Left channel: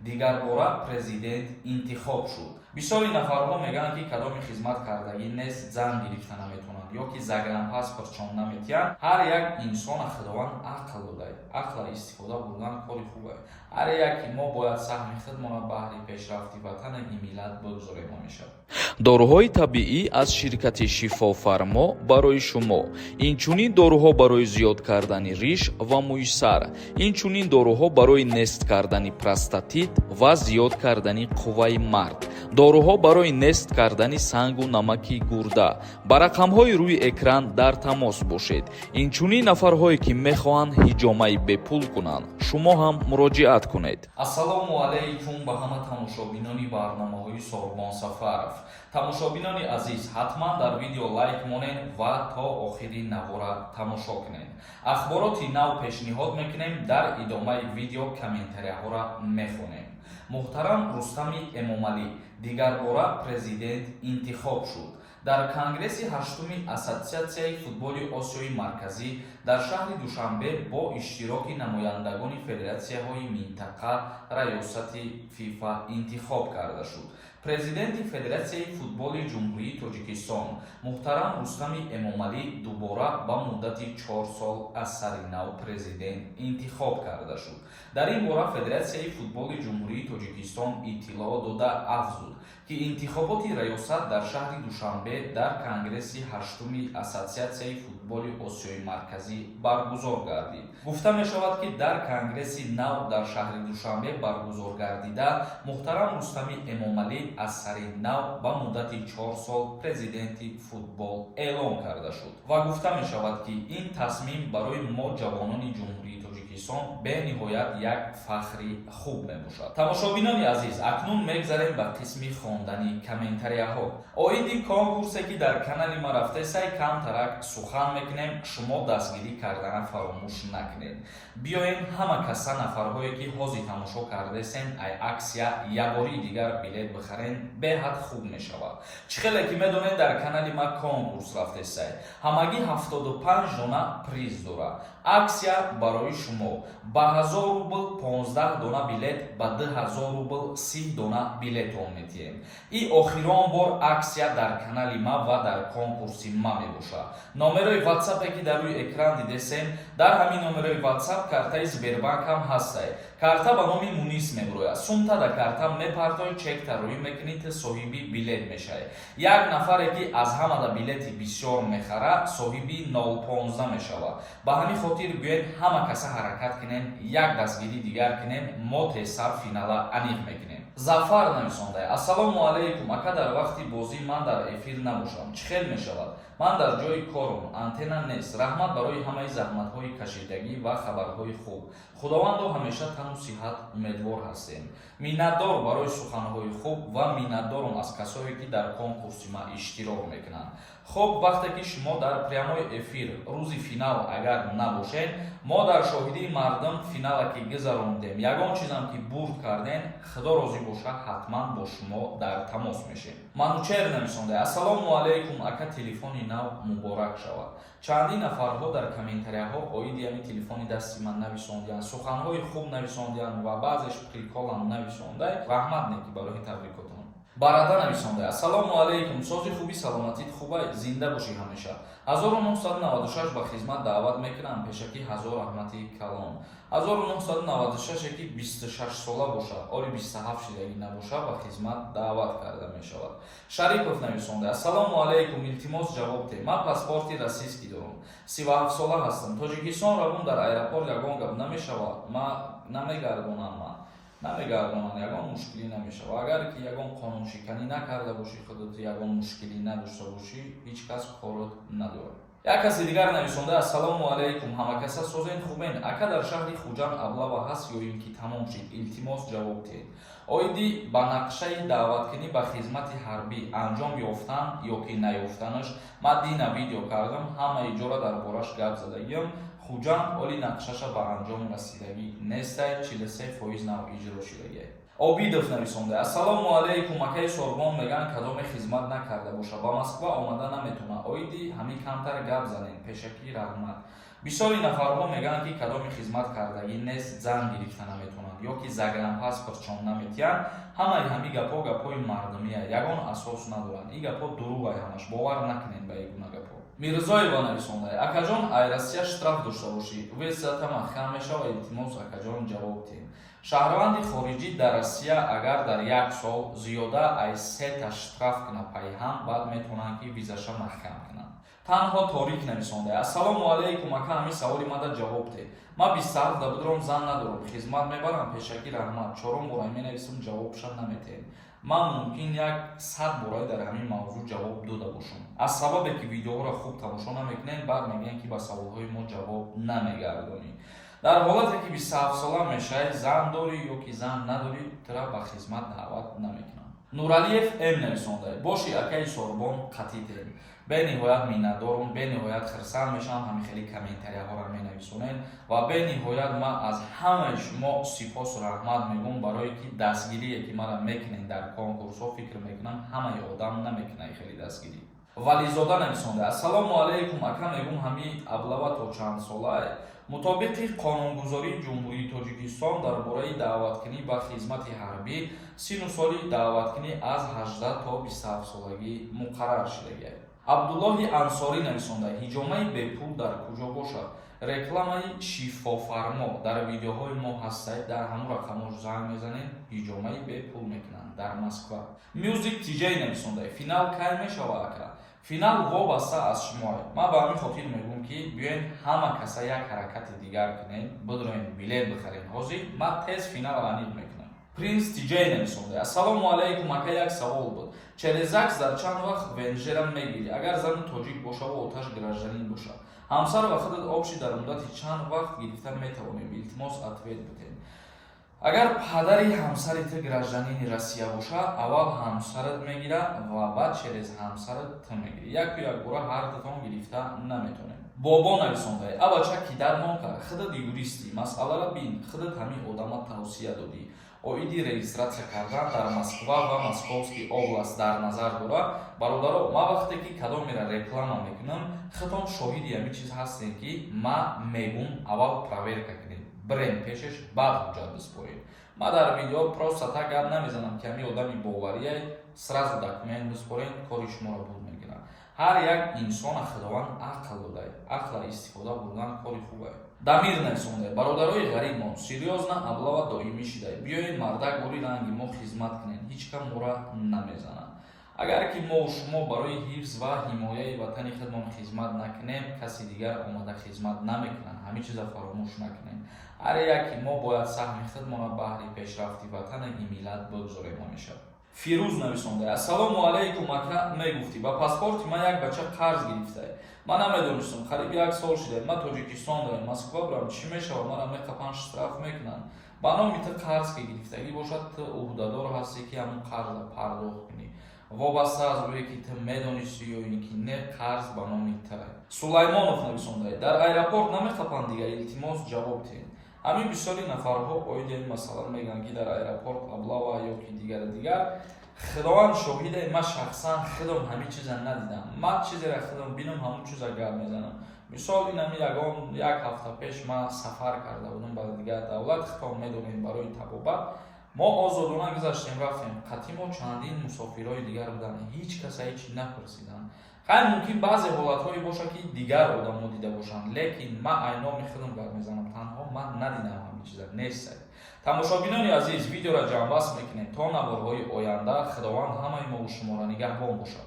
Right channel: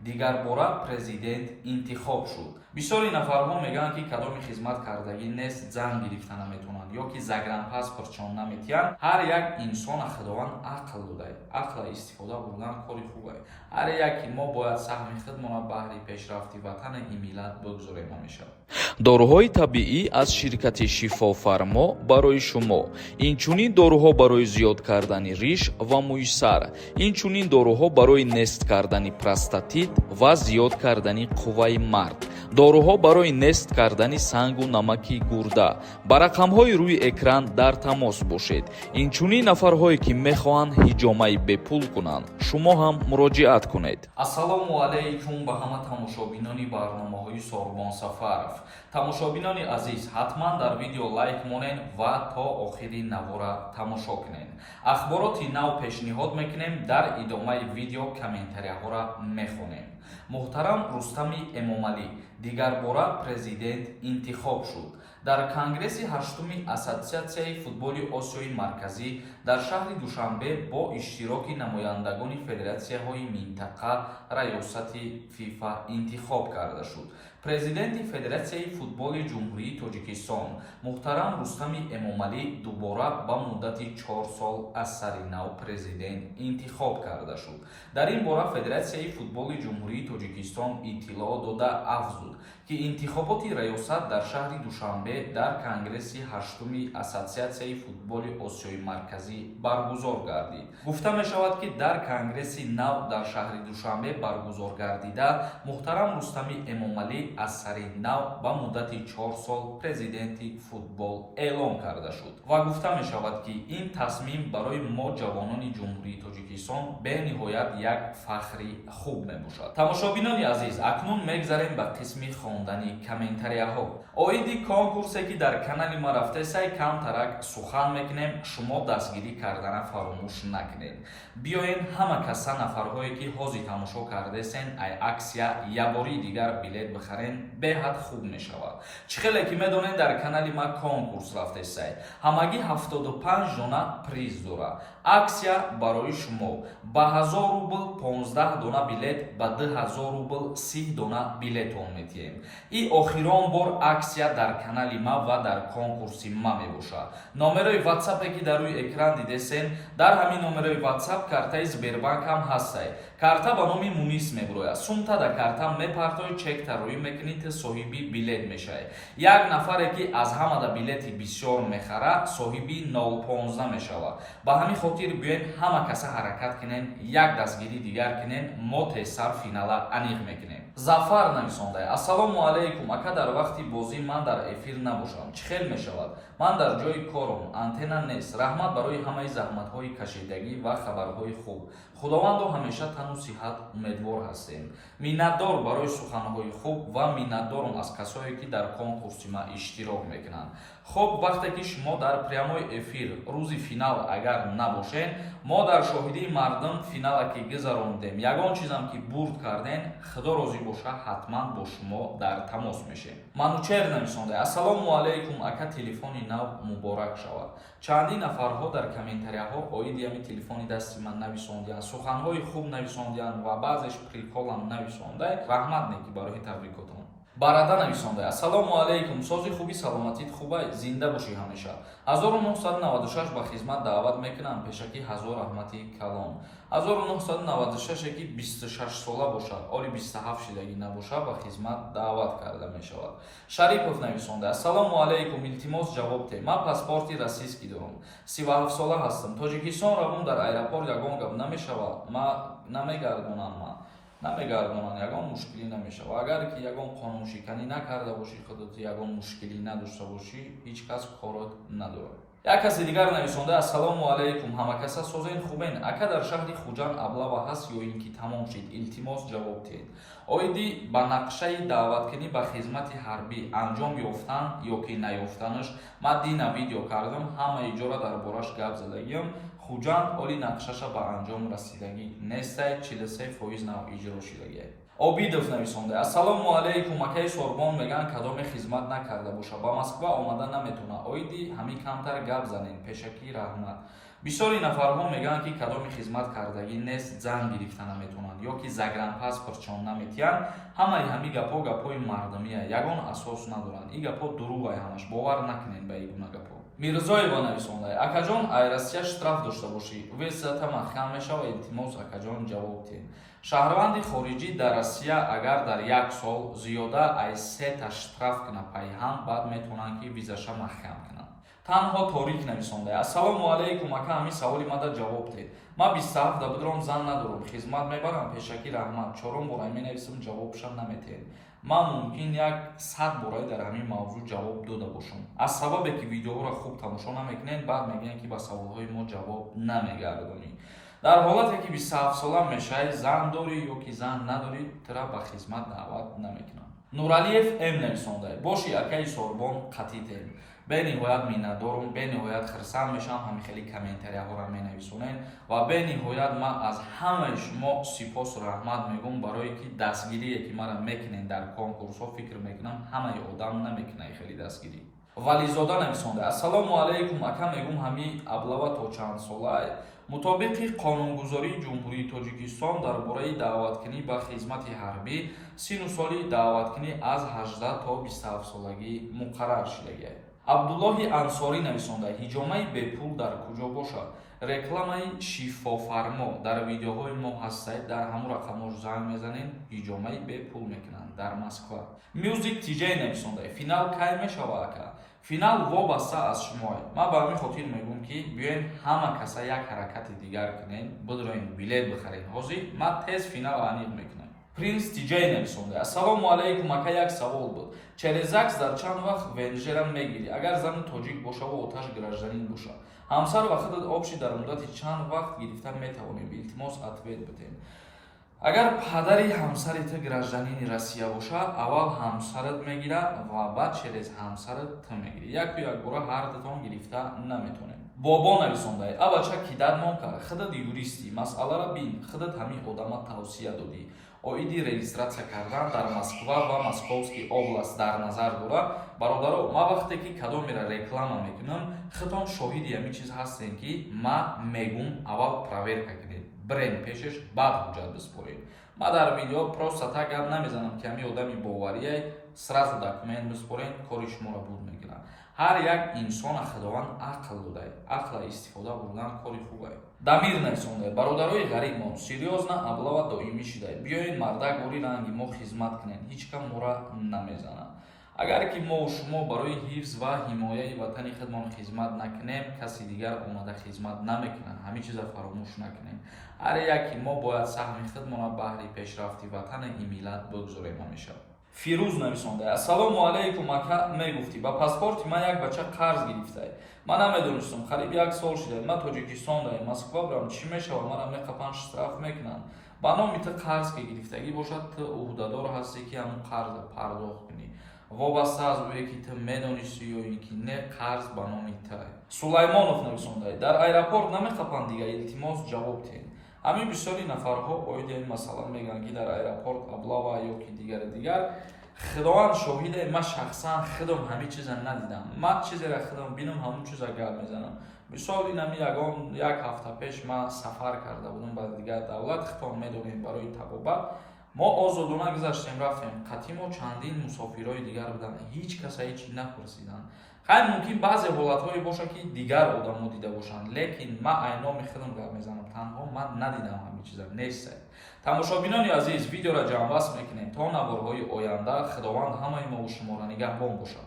дигар бора президент интихоб шуд. бисёри нафарҳо мегӯянд ки кадоми хизматкардагӣ нест занг гирифта наметавонанд ё ки загранпаспортшон наметиҳанд. ҳар як инсона худованд ақл додаи ақла истифода бурдан кори хубе. ҳар яки мо бояд саҳми худмона баҳри пешрафти ватани ин миллат бигузорем ҳамеша. доруҳои табиӣ аз ширкати шифофармо барои шумо. инчунин доруҳо барои зиёд кардани риш ва мӯи сар. инчунин доруҳо барои нест кардани простатит ва зиёд кардани қувваи мард. доруҳо барои нест кардани сангу намаки гурда. ба рақамҳои рӯи экран дар тамос бошед. инчунин нафарҳое ки мехоҳанд ҳиҷомаи бепул кунанд, шумо ҳам муроҷиат кунед. ассалому алайкум ба ҳама тамошобинони барномаҳои Сорбон Сафаров. тамошобинони азиз, ҳатман дар видео лайк монед ва то охири навора тамошо кунед. ахбороти нав пешниҳод мекунем, дар идомаи видео комментарияҳоро мехонем. муҳтарам Рустами Эмомалӣ дигар бора президент интихоб шуд. дар конгресси 8-уми Ассотсиатсияи футболи Осиёи Марказӣ дар шаҳри Душанбе бо иштироки намояндагони федератсияҳои минтақа раёсати ФИФА интихоб карда шуд. президенти Федератсияи футболи Ҷумҳурии Тоҷикистон муҳтарам Рустами Эмомалӣ дубора ба муддати 4 сол аз сари нав президент интихоб карда шуд. дар ин бора Федератсияи футболи Ҷумҳурии Тоҷикистон иттилоъ дода афзуд ки интихоботи раёсат дар шаҳри Душанбе дар конгресси 8-уми Ассотсиатсияи футболи Осиёи Марказӣ баргузор гардид. гуфта мешавад ки дар конгресси нав дар шаҳри Душанбе баргузор гардида муҳтарам Рустами Эмомалӣ аз сари нав ба муддати 4 сол президенти футбол эълон карда шуд ва гуфта мешавад ки ин тасмим барои мо ҷавонони Ҷумҳурии Тоҷикистон бениҳоят як фахри хуб мебошад. тамошобинони азиз, акнун мегзарем ба қисми хондани комментарияҳо. оиди конкурсе ки дар канали ма рафта сай камтарак сухан мекунем, шумо дастгирӣ кардана фаромӯш накунед. биёен ҳама каса нафарҳое ки ҳозир тамошо кардесен ай аксия ябори дигар билет бихарен беҳад хуб мешавад. чӣ хеле ки медонед дар канали ма конкурс рафтесай. ҳамагӣ 75 дона приз дора. аксия барои шумо ба 1000 рубл 15 дона билет, ба 2000 рубл 30 дона билетон метиҳем. ин охирон бор аксия дар канали ма ва дар конкурси ма мебошад. номерои ватсапе ки дар рӯи экран дидесен, дар ҳамин номерои ватсап картаи Сбербанк ҳам ҳастай. карта ба номи Мунис меброяд. сумта да карта мепартои чек тарӯӣ мекунид, соҳиби билет мешавед. як нафаре ки аз ҳамада билети бисёр мехара, соҳиби 015 мешавад. ба ҳамин хотир гӯед ҳама каса ҳаракат кунен, як дастгирӣ дигар кунен, мо тезтар финала аниқ мекунем. зафар нависондай: ассалому алайкум ака, дар вақти бозӣ ман дар эфир набошам, чӣ хел мешавад? ман дар ҷои корам, антенна нест. раҳмат барои ҳамаи заҳматҳои кашидагӣ ва хабарҳои хуб. худовандо ҳамеша тану сиҳат умедвор ҳастем. миннатдор барои суханҳои хуб ва миннатдорам аз касое ки дар конкурси ма иштирок мекунанд. хуб, вақте ки шумо дар прямои эфир рӯзи финал агар набошен, мо дар шоҳидии мардум финала ки гузарондем. ягон чизам ки бурд кардем, худо розӣ боша, ҳатман бо шумо дар тамос мешем. манучер нависонда: ассалому алайкум ака, телефони нав муборак шавад. чандин нафарҳо дар комментарияҳо оиди ҳамин телефони дасти ман нависондиянд, суханҳои хуб нависондиянд ва баъзеш приколам нависондай. раҳмат неки барои табрикотон. барада нависонда: ассалому алайкум, сози хуби саломатит хубай, зинда бошӣ ҳамеша. 1996 ба хизмат даъват мекунам, пешакӣ ҳазор раҳмати калон. 1996 ки 26 сола бошад, оли 27 шидагӣ набошад, ба хизмат даъват карда мешавад. шарипов нависонда: ассалому алайкум, илтимос ҷавоб де. ман паспорти российский дорам, 37 сола ҳастам. тоҷикистон равам, дар аэропорт ягон гап намешавад, ма намегардонам, намегардонанд, ягон мушкилӣ намешавад. агар ки ягон қонуншиканӣ накарда бошӣ, худат ягон мушкилӣ надошта бошӣ, ҳеҷ кас корот надорад. як каси дигар нависонда: ассалому алайкум, ҳама каса созен хубен, ака дар шаҳри Хуҷанд аблава ҳаст ё ин ки тамом шид, илтимос ҷавоб диҳед. оиди ба нақшаи даъваткунӣ ба хизмати ҳарбӣ анҷом ёфтан ё ки наёфтанаш ма дина видео кардам, ҳама иҷора дар бораш гап задагиам. хуҷанд оли нақшаша ба анҷом расидагӣ нестай 43% нав иҷро шудагӣ. Обидов нависонда: ассалому алайкум, акаи Сорбон меган кадоме хизмат накарда боша, ба Москва омада наметона, оиди ҳами камтар гап занен, пешакӣ раҳмат. Бисёри нафарҳо мегӯянд ки кадоми хизмат кардагӣ нест, зан гирифта наметонанд ё ки загранпаспортшон наметиҳанд. Ҳамаи ҳами гапои мардумия, ягон асос надоранд. И гапо дуруғай ҳамаш, бовар накунед ба ин гуна гапо. Мирзоева нависонда: акаҷон ай Россия штраф дошта бошӣ, весатама хам мешава, илтимос акаҷон ҷавоб тиҳ. Шаҳрванди хориҷӣ дар Россия агар дар 1 сол зиёда ай 3 та штраф кунад пайҳам, баъд метавонанд ки визаша маҳкам кунанд. Танҳо Торик нависонда: ассалому алайкум, ака ҳами саволи мада ҷавоб диҳ. Ма 27 будуром зан надорам, хизмат мебарам, пешакӣ раҳмат. 4 бора менависам, ҷавобша наметиҳем. Ман мумкин 100 бора дар ҳамин мавзӯъ ҷавоб дода бошам. Аз сабабе ки видеоро хуб тамошо намекунед, баъд мегӯянд ки ба саволҳои мо ҷавоб намегардонӣ. Дар ҳолате ки 27 сола мешавӣ, зан дорӣ ё ки зан надорӣ, тира ба хизмат даъват намекунам. Нуралиев М нависонда: боши акаи Сорбон қатъитем. бениҳоят миннатдорам, бениҳоят хирсанд мешавам ҳамин хели комментарияҳоро менависонед ва бениҳоят ман аз ҳамаи шумо сипосу раҳмат мегӯям, барое ки дастгирие ки мара мекунед дар конкурсҳо фикр мекунам ҳамаи одам намекунад хели дастгирӣ. Вализода нависонда: ассалому алайкум, ака мегӯям ҳами аблава то чанд солае. мутобиқи қонунгузории ҷумҳурии Тоҷикистон дар бораи даъваткунӣ ба хизмати ҳарбӣ сину соли даъваткунӣ аз 18 то 27 солагӣ муқаррар шудагӣ. Абдуллоҳи Ансорӣ нависонда: ҳиҷомаи бепул дар куҷо бошад? Рекламаи шифофармо дар видеоҳои мо ҳастаед, дар ҳамун рақамҳо занг мезанед, ҳиҷомаи бепул мекунанд дар Москва. Мюзик Тиҷей нависонда: финал кай мешава ака? Финал вобаста аз шумоед. Ман ба ҳамин хотир мегӯям ки биёед ҳама каса як ҳаракати дигар кунед, бидроед билет бихаред. ҳозир ман тез финал аниқ мекунам. Принс Тиҷей нависонда: ассалому алайкум, ака як савол буд. Через ЗАГС дар чанд вақт венжера мегирӣ? Агар зани тоҷик боша ва оташ гражданин боша, ҳамсар ва худат обши дар муддати чанд вақт гирифта метавонем? Илтимос ответ бидед. Агар падари ҳамсари ту гражданини Россия боша, аввал ҳамсарат мегира ва баъд через ҳамсарат ту мегирӣ. Яку як бора ҳар дутон гирифта наметонем. Бобо нависонда: абача ки дармон кар, худат юристӣ, масъалара бин, худат ҳамин одама тавсия додӣ. Оиди регистратсия кардан дар Москва ва Московский област дар назар дора. Бародаро, ма вақте ки кадомира реклама мекунам, хитон шоҳиди ҳамин чиз ҳастем ки ма мегӯям аввал проверка кунед, бренд пешеш, баъд ҳуҷҷат биспоред. Ма дар видео просто так гап намезанам ки ҳамин одами боварияй, сразу документ биспоред, кори шуморо буд мегирам. ҳар як инсона худованд ақл додаи, ақла истифода бурдан кори хубе. Дамир нависонда: бародарои ғарибмон, серьёзна аблава доимӣ шудаи, биёед мардак бори ранги мо хизмат кунед, ҳеҷ кам моро намезанад. агар ки мо шумо барои ҳифз ва ҳимояи ватани худмон хизмат накунем, каси дигар омада хизмат намекунанд. ҳамин чиза фаромӯш накунем. ҳар яки мо бояд саҳми худмона баҳри пешрафти ватани ин миллат бигзорем ҳамеша. Фирӯз нависонда: ассалому алайкум, ака мегуфтӣ ба паспорти ман як бача қарз гирифтае. Ман намедонистам, қариб 1 сол шудаe. Ман Тоҷикистон дарем, Москва бурам, чӣ мешава? Мара меқапанд, штраф мекунанд. ба номи ту қарз ки гирифтагӣ бошад, ту уҳдадор ҳастӣ ки ҳамун қарза пардохт кунӣ. вобаста аз ӯе ки ту медонистӣ ё ин ки не, қарз ба номи ту. Сулаймонов нависонда: дар аэропорт намеқапанд дига, илтимос ҷавоб диҳед. ҳамин бисёри нафарҳо оиди ин масъала мегӯянд ки дар аэропорт аблава ё ки дигар худованд шоҳиде. Ман шахсан худам ҳамин чиза надидам. Ман чизеро худам бинам, ҳамун чиза гап мезанам. мисол инами як ҳафта пеш ман сафар карда будам ба дигар давлат, хитон медонем барои табобат. мо озодона гузаштем, рафтем. қатъи мо чандин мусофирҳои дигар буданд, ҳеҷ каса ҳеҷ напурсиданд. хай мумкин баъзе ҳолатҳое боша ки дигар одамҳо дида бошанд, лекин ман айноми худам гап мезанам, танҳо ман надидам ҳамин чиза нестае. тамошобинони азиз, видеоро ҷамъбаст мекунем. То наворҳои оянда, худованд ҳамаи мо шуморо нигаҳбон бошад.